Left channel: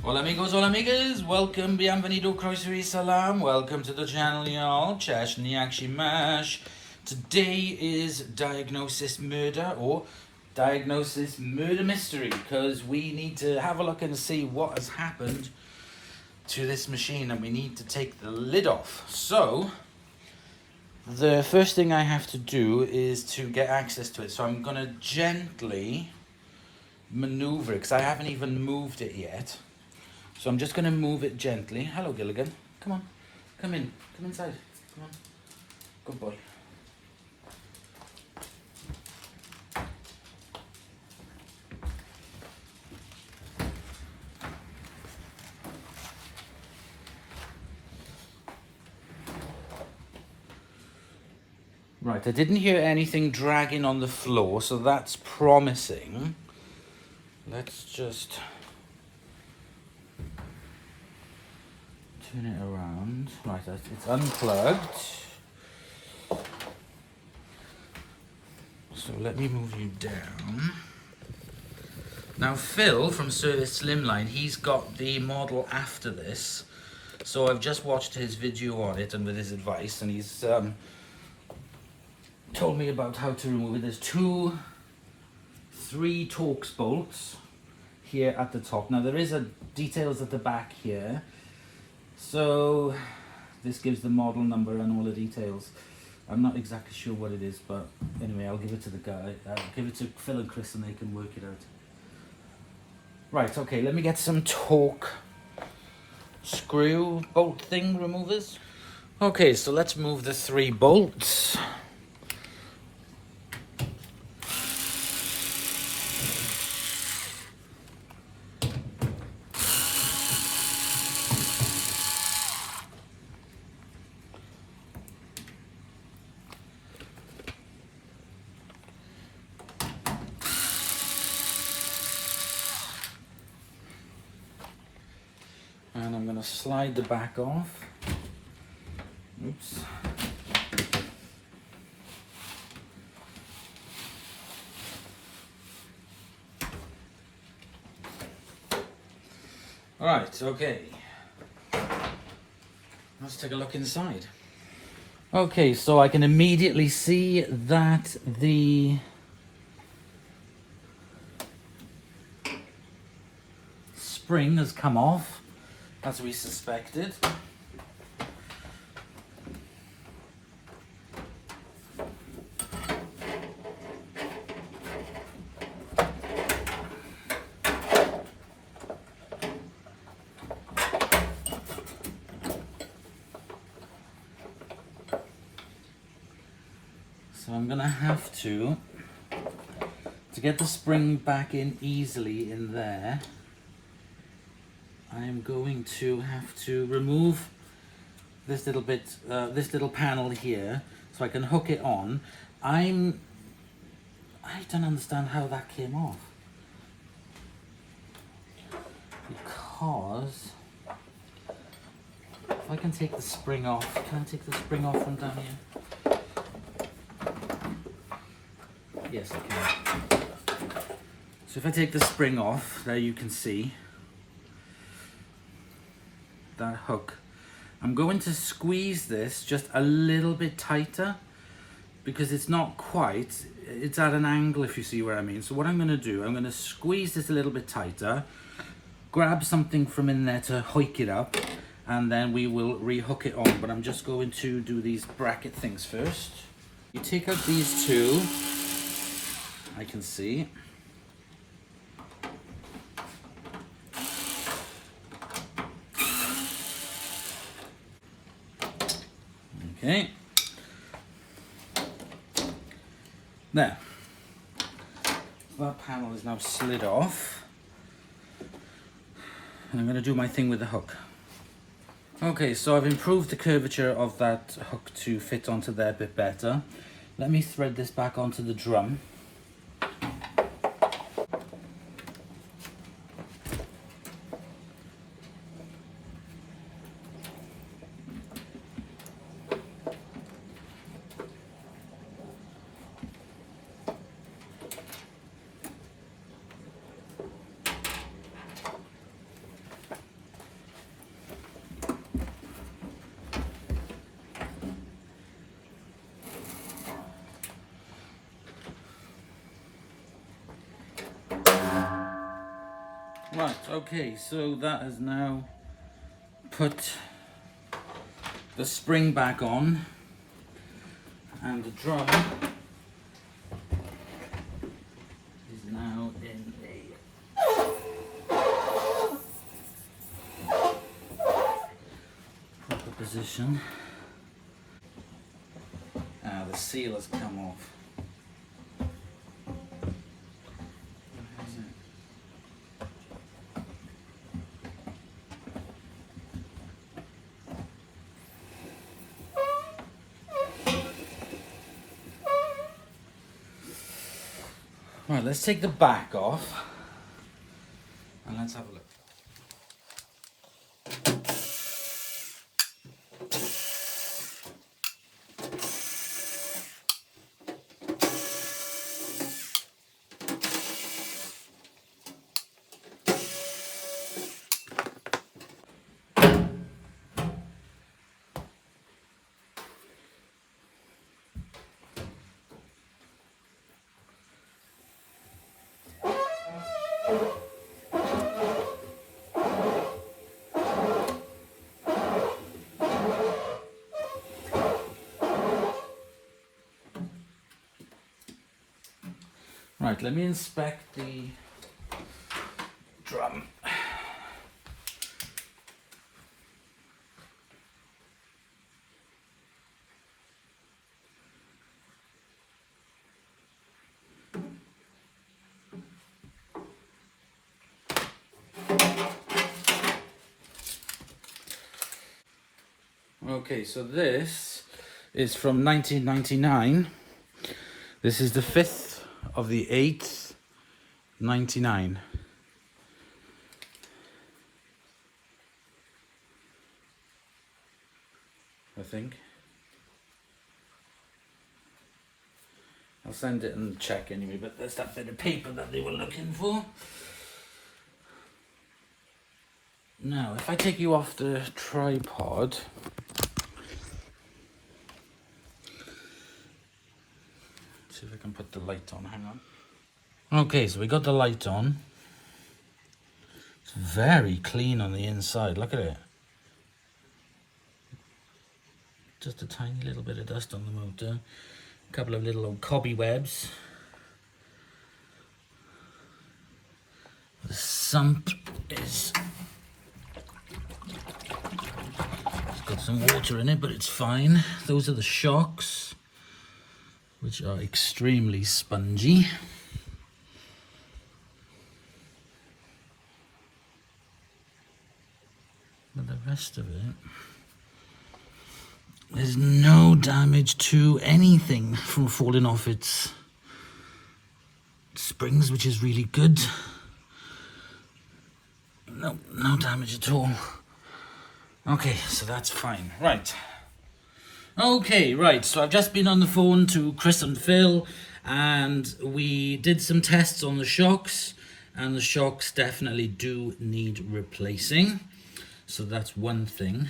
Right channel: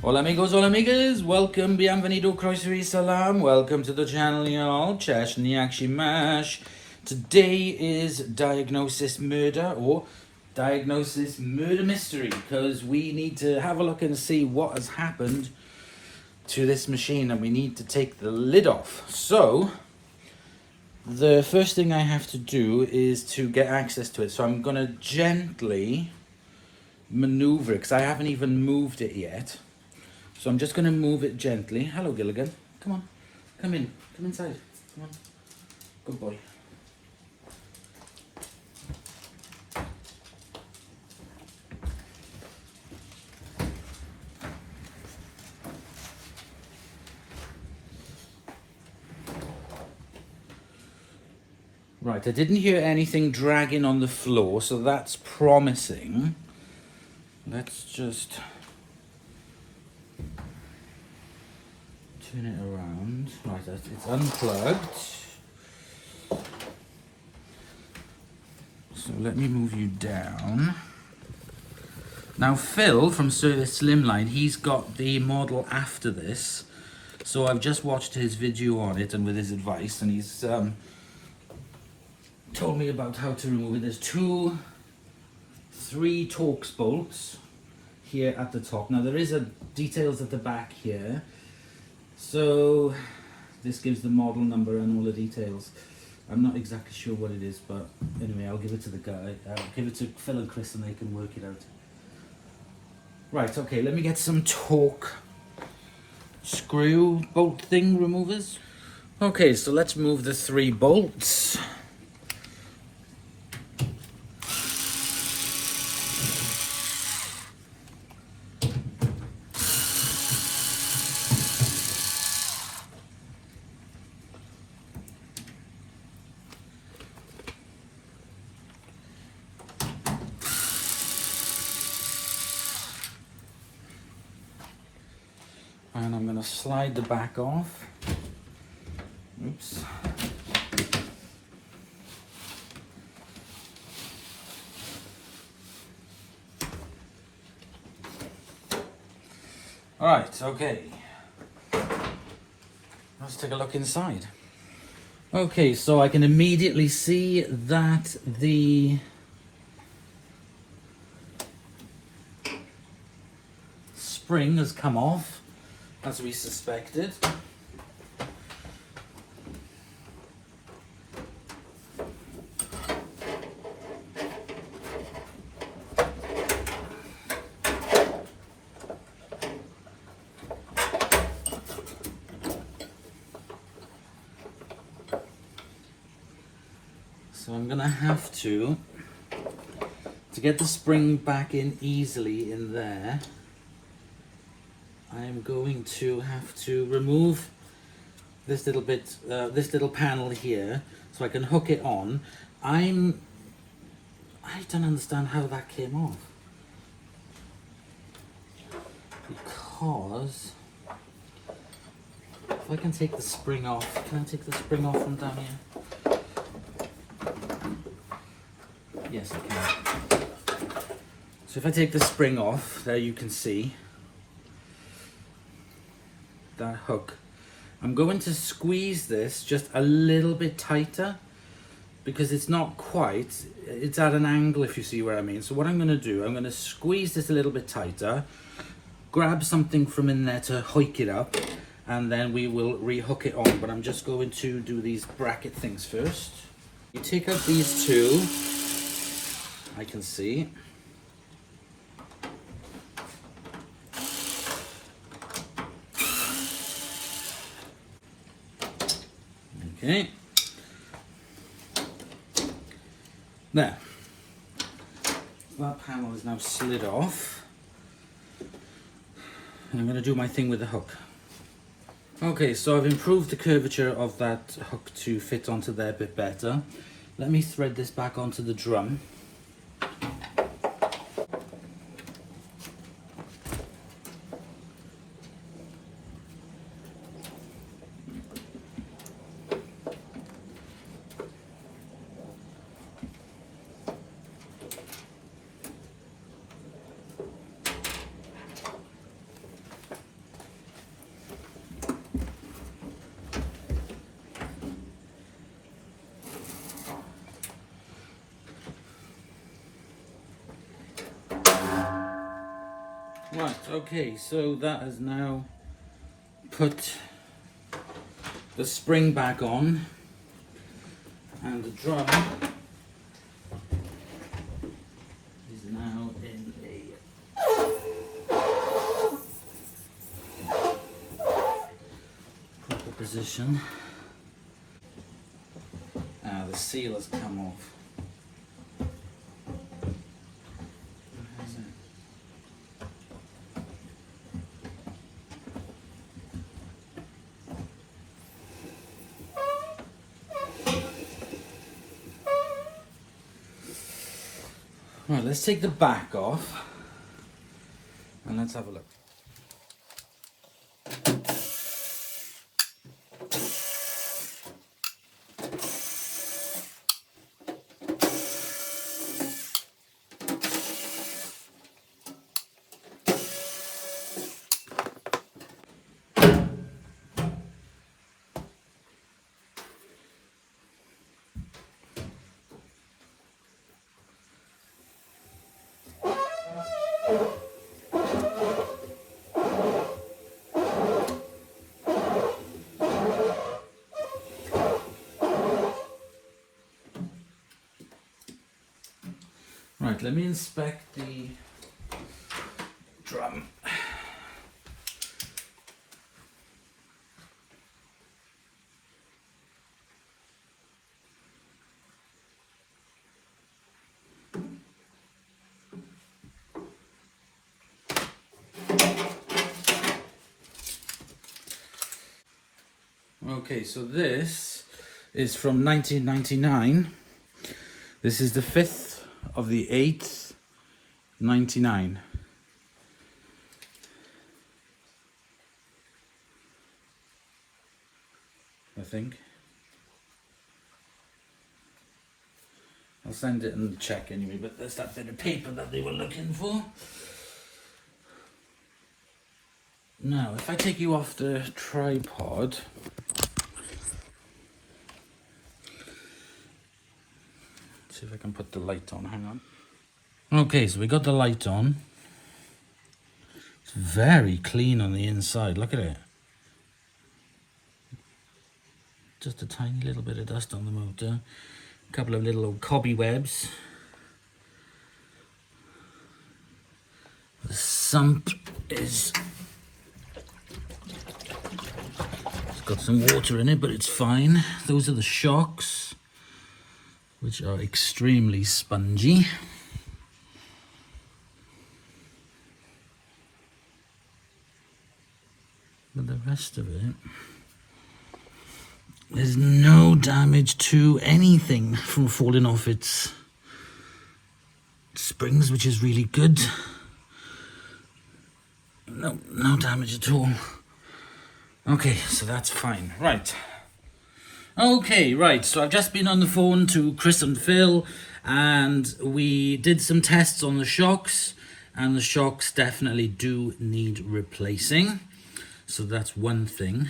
Hola amigos, hola amigas, welcome, bienvenido, croeso salam, welcome to the channel y'all, Chesh Niakshi Mash. Today is Diagnosis Murder, or Diagnosis Murder Mystery, because we need to have a look and see what has happened to this machine and we need to take the lid off. So, the first thing I have to do is to get access to it, so I'm going to gently maneuver it, because I haven't even moved it yet. So I'm just going to move it gently. Hello, Gilligan. Come on. Come in. Come inside. Come on. Good boy. Right, I didn't hear anything dragging on the floor, so that's promising. Let's just turn it around. Right, it's unplugged. So let me move you down. Now Phil from Servisslimline, he's got the model after this. So I've just watched his video on it and with his advice, and he's told me about how to remove it. There's three Torx bolts here at the top. Now there is details at the back here. So this gives the model number and all the details. I'm not exactly sure what it is, but anyway, I'll give it to the guy. I'll give it to Phil and Chris and they can work it out. Right, okay, let me get some torque screw bolt thing removers. Okay, so let's move the three bolts. And I'm going to slide the back off. Oops. Right, okay. Let's take a look inside. Okay, so I can immediately see that the spring has come off, as we suspected. So I'm gonna have to get the spring back in easily in there, I'm going to have to remove this little bit, this little panel here, so I can hook it on. I don't understand how that came off, because if I can take the spring off, can I take the spring off from down here? Yes, I can. So if I take the spring off, there you can see that hook. I'm going to squeeze this just a little bit tighter because it's not quite, it's at an angle, if you see what I mean. So what I'm going to do, I'm going to squeeze this a little bit tighter, grab something from in there to hoik it up, and then we will rehook it on. But I'm just going to do these bracket things first. You take out these two, I can see. Okay. There. That panel is now slid off. And I'm going to do my thing with the hook. Okay, so I've improved the curvature of that hook to fit onto there a bit better. Let me thread this back onto the drum. Right, okay, so that has now put the spring back on, and the drum is now in a proper position. Now the seal has come off. Right, let's take the back off and let's have a look. Right, let me inspect the drum. Okay, so this is from 1999. This is the 5th of the 8th, 99. I think. I'll send it and check anyway, but there's that bit of paper that they were looking for. Now, if I take you off the tripod, see if I can put the light on, hang on. Okay, so we got the light on. It's very clean on the inside, look at it. Just a tiny little bit of dust on the motor. A couple of little old cobwebs. The sump is... it's got some water in it, but it's fine. Those are the shocks, which are extremely spongy. But the rest of it, there's no damage to anything from falling off its springs, which is really good. No damage at all. Okay, so that's fine. Right. Okay, right. So I've just been on the phone to Chris and Phil, and we did some tests on the shocks, and the shocks definitely do need replacing. So that's one thing.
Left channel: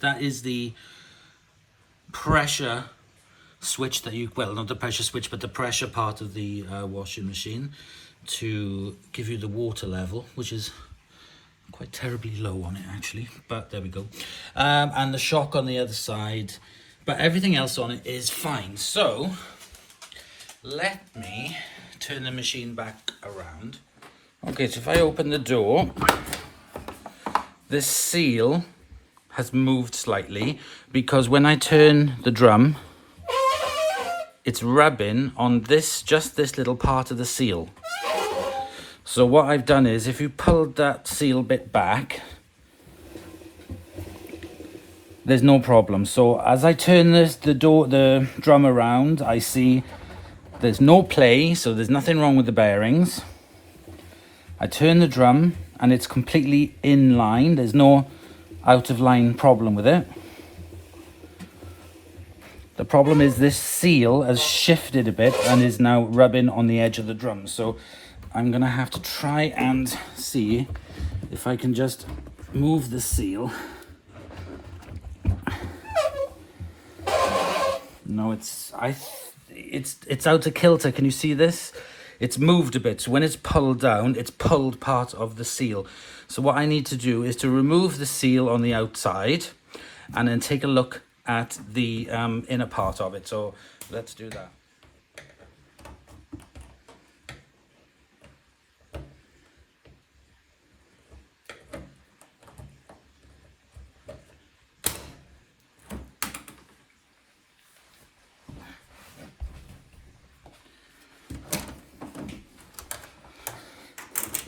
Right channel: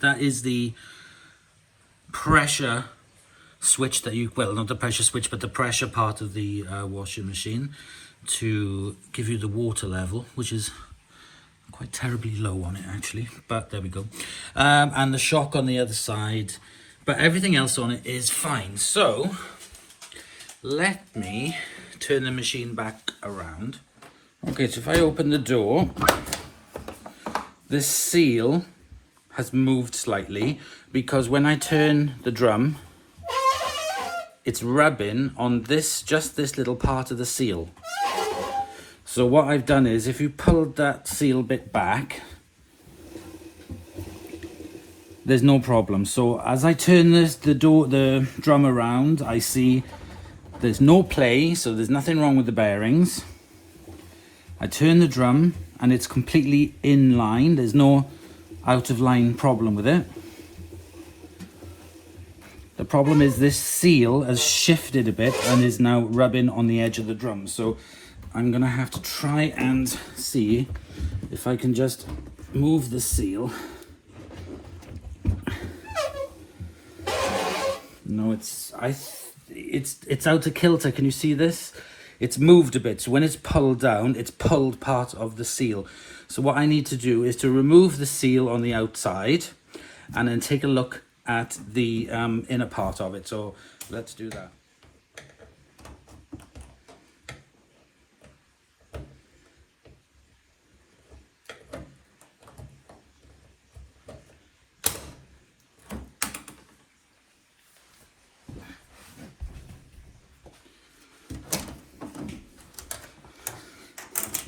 That is the pressure switch that you, well, not the pressure switch, but the pressure part of the washing machine to give you the water level, which is quite terribly low on it actually, but there we go. And the shock on the other side, but everything else on it is fine. So let me turn the machine back around. Okay, so if I open the door, this seal has moved slightly because when I turn the drum, it's rubbing on this, just this little part of the seal. So what I've done is, if you pulled that seal bit back, there's no problem. So as I turn the drum around, I see there's no play, so there's nothing wrong with the bearings. I turn the drum and it's completely in line. There's no out of line problem with it. The problem is this seal has shifted a bit and is now rubbing on the edge of the drum. So I'm gonna have to try and see if I can just move the seal. No, it's out of kilter. Can you see this? it's moved a bit. So when it's pulled down, it's pulled part of the seal. So what I need to do is to remove the seal on the outside and then take a look at the inner part of it. So let's do that.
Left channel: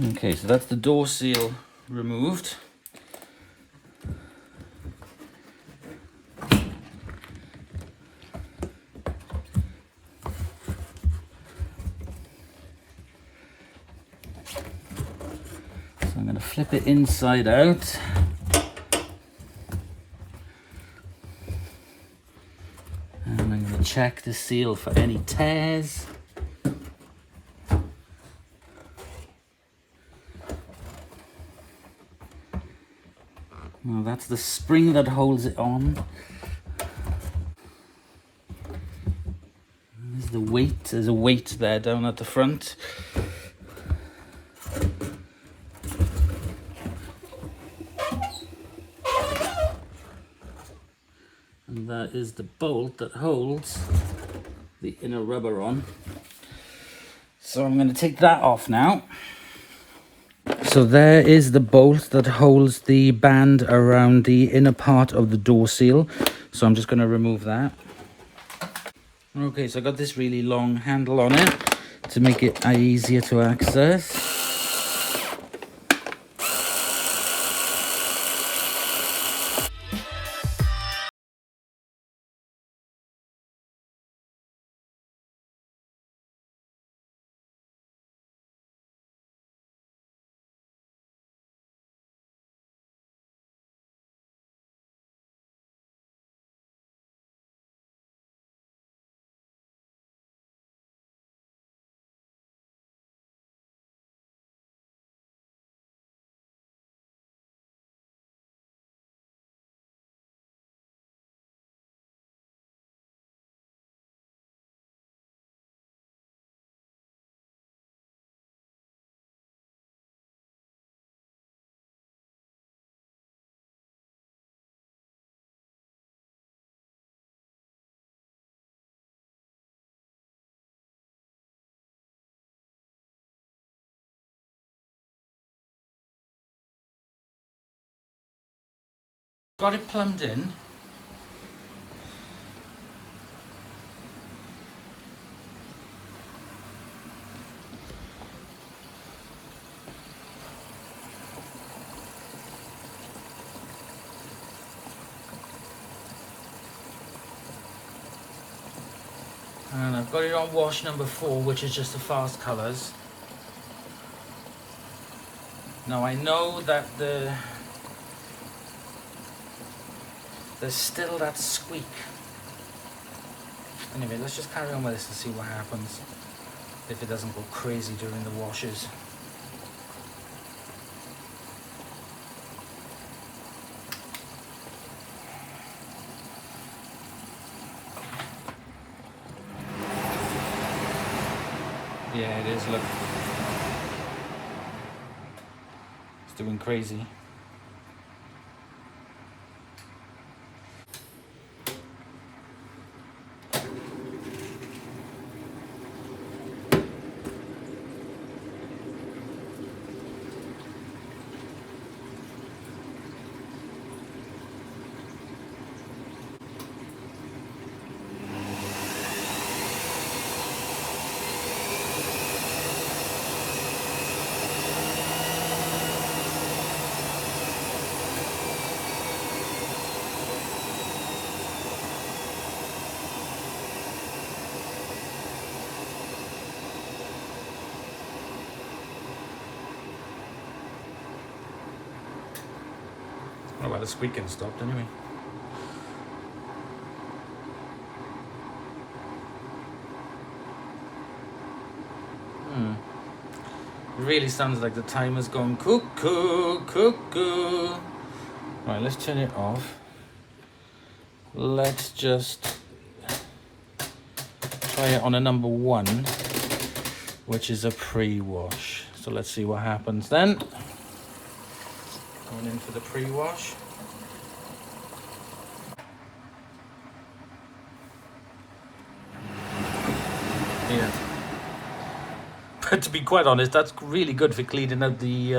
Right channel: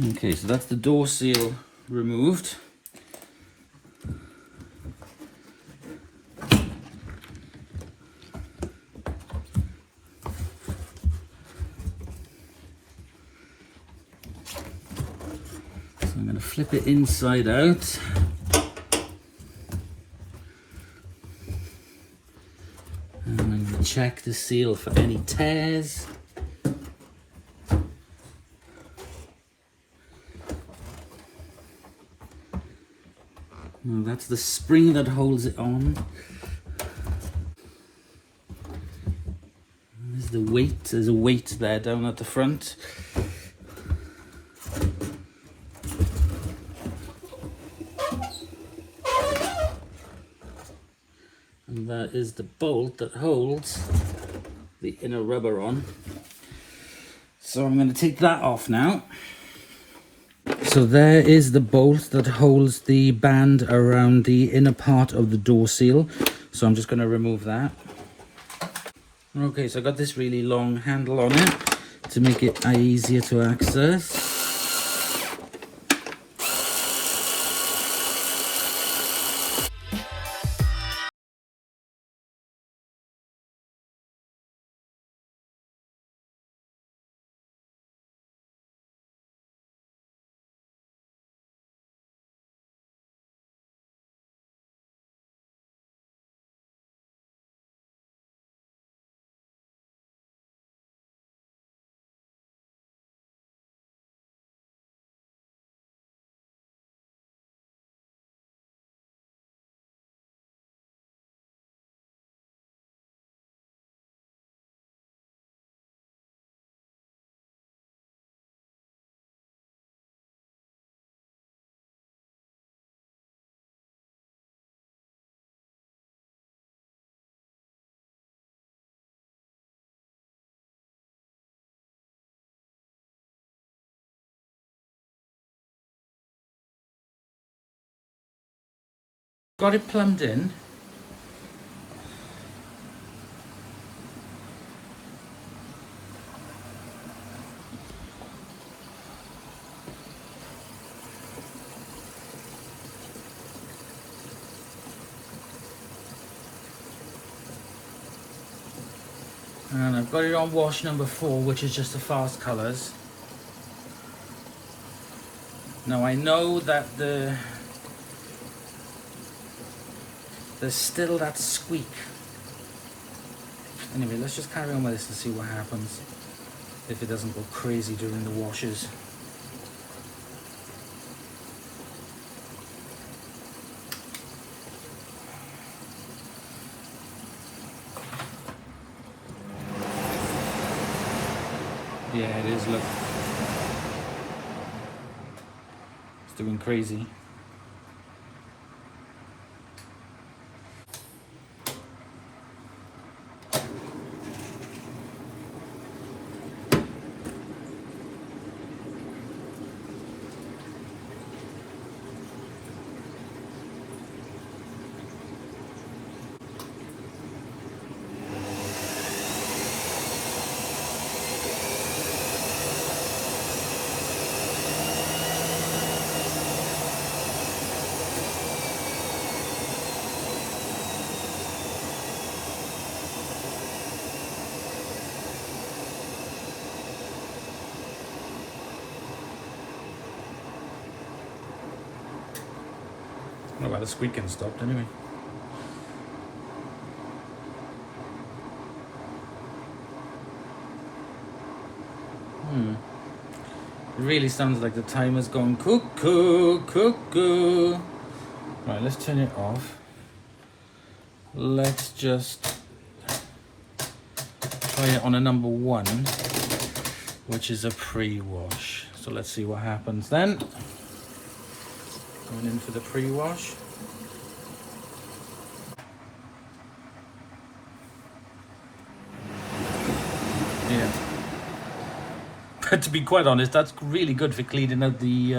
Okay, so that's the door seal removed. So I'm going to flip it inside out. And I'm going to check the seal for any tears. Now that's the spring that holds it on. And there's the weight, there's a weight there down at the front. And that is the bolt that holds the inner rubber on. So I'm going to take that off now. So there is the bolt that holds the band around the inner part of the door seal. So I'm just going to remove that. Okay, so I got this really long handle on it to make it easier to access. Got it plumbed in. And I've got it on wash number 4, which is just the fast colours. Now I know that there's still that squeak. Anyway, let's just carry on with this and see what happens if it doesn't go crazy during the washes. Yeah, it is, look. It's doing crazy. Oh well, the squeaking stopped anyway. It really sounds like the timer's going cuckoo, cuckoo. Right, let's turn it off. Let's just try it on a number 1. which is a pre-wash. So let's see what happens then. Going in for the pre-wash. Yeah. But to be quite honest, that's really good for cleaning out the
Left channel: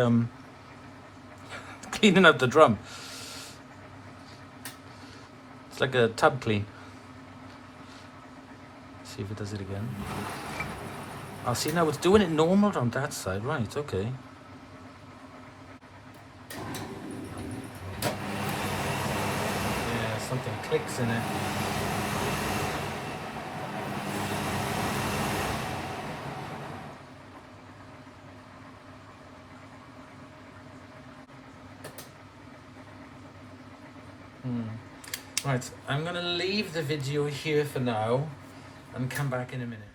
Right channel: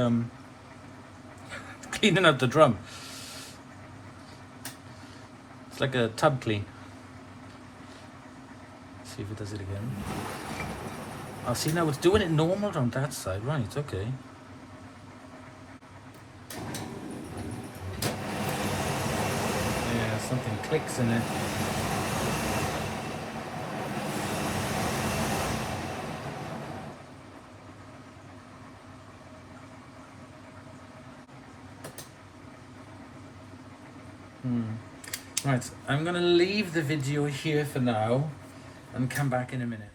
drum. It's like a tub clean. See if it does it again. I'll see now it's doing it normal on that side, right? Okay. Yeah, something clicks in it. Right, I'm going to leave the video here for now and come back in a minute.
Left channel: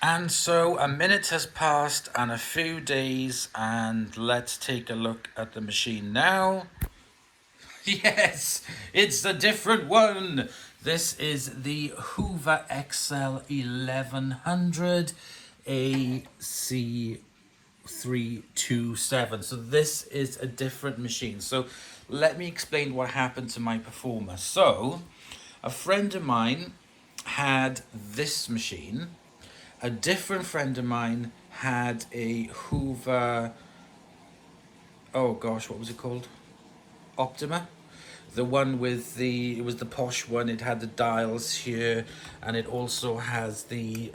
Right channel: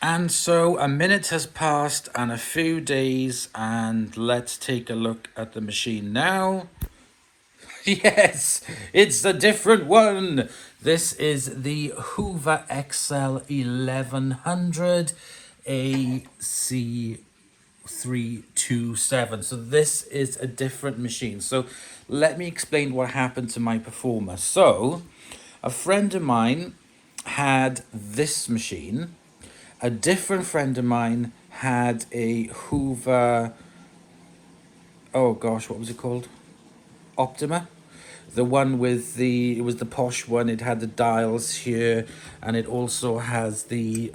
And so a minute has passed and a few days, and let's take a look at the machine now. Yes, it's a different one. This is the Hoover XL1100 AC327. So this is a different machine. So let me explain what happened to my Performa. So a friend of mine had this machine. A different friend of mine had a Hoover, oh gosh, what was it called? Optima. The one with it was the posh one. It had the dials here, and it also has the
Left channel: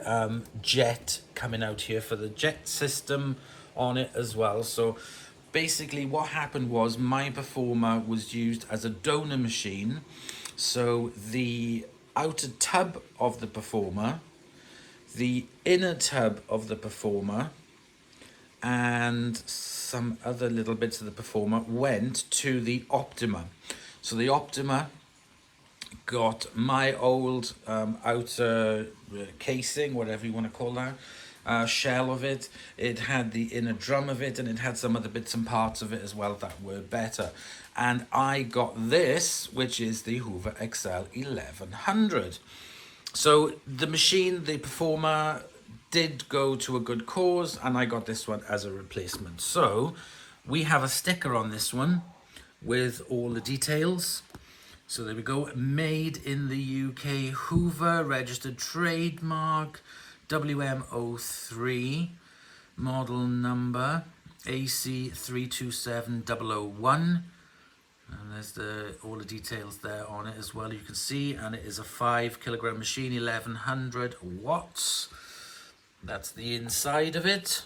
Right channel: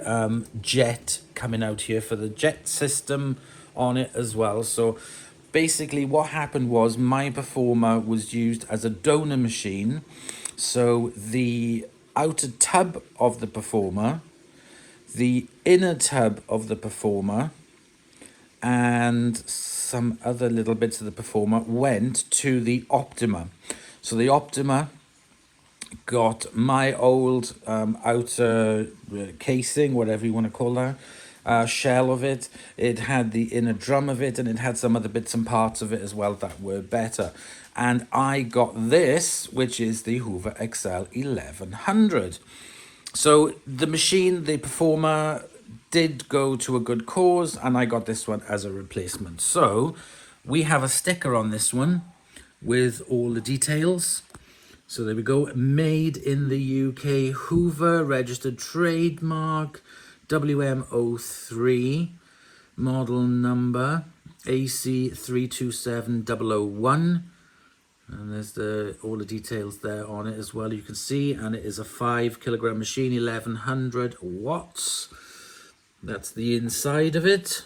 jet coming out here for the jet system on it as well. So basically what happened was my Performa was used as a donor machine. So the outer tub of the Performa, the inner tub of the Performa, and some other little bits of the Performa went to the Optima. So the Optima got my old outer casing, whatever you want to call that, shell of it. It had the inner drum of it, and it had some other bits and parts of it as well that were better. And I got this, which is the Hoover XL1100. So the machine, the Performa, did go to a good cause, and I got this one as a replacement. So we have a sticker on this one with all the details. So there we go, made in the UK, Hoover, registered trademark, WM03, model number AC327001. And there's all the details there on it as well, you can see. And it is a 5 kilogram machine, 1100 watts. That's the inside of it.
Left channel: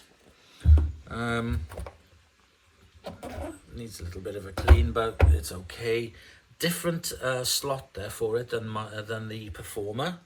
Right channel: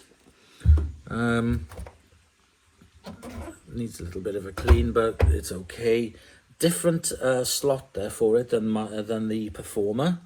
Needs a little bit of a clean, but it's okay. Different slot there for it than the Performa,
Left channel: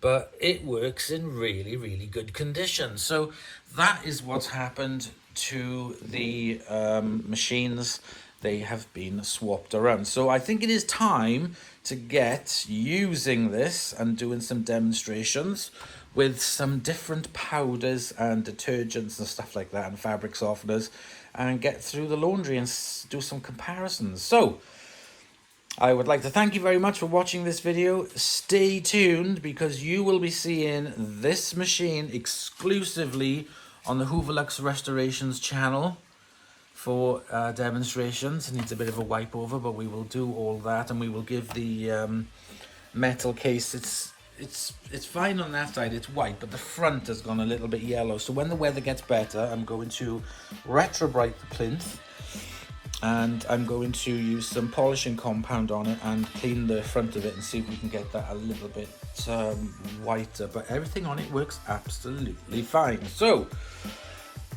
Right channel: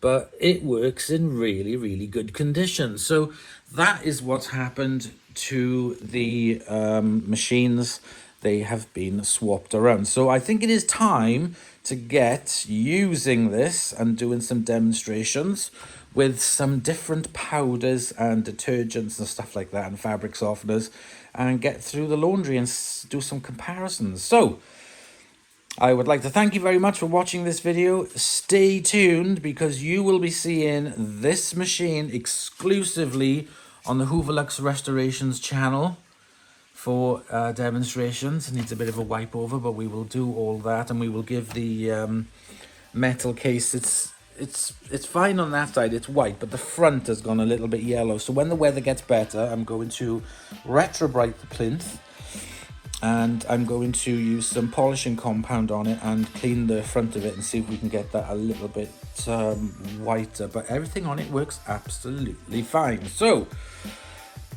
but it works in really, really good condition. So that is what's happened to the machines. They have been swapped around. So I think it is time to get using this and doing some demonstrations with some different powders and detergents and stuff like that, and fabric softeners, and get through the laundry and do some comparisons. So I would like to thank you very much for watching this video. Stay tuned, because you will be seeing this machine exclusively on the Hoover Lux Restorations channel for demonstrations. It needs a bit of a wipe over, but we will do all that, and we will give the metal case, it's fine on that side, it's white, but the front has gone a little bit yellow. So when the weather gets better, I'm going to retrobrite the plinth, and I'm going to use some polishing compound on it and clean the front of it and see if we can get that a little bit whiter. But everything on it works absolutely fine. So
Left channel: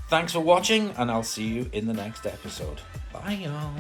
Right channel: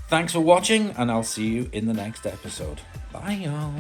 thanks for watching, and I'll see you in the next episode. Bye y'all.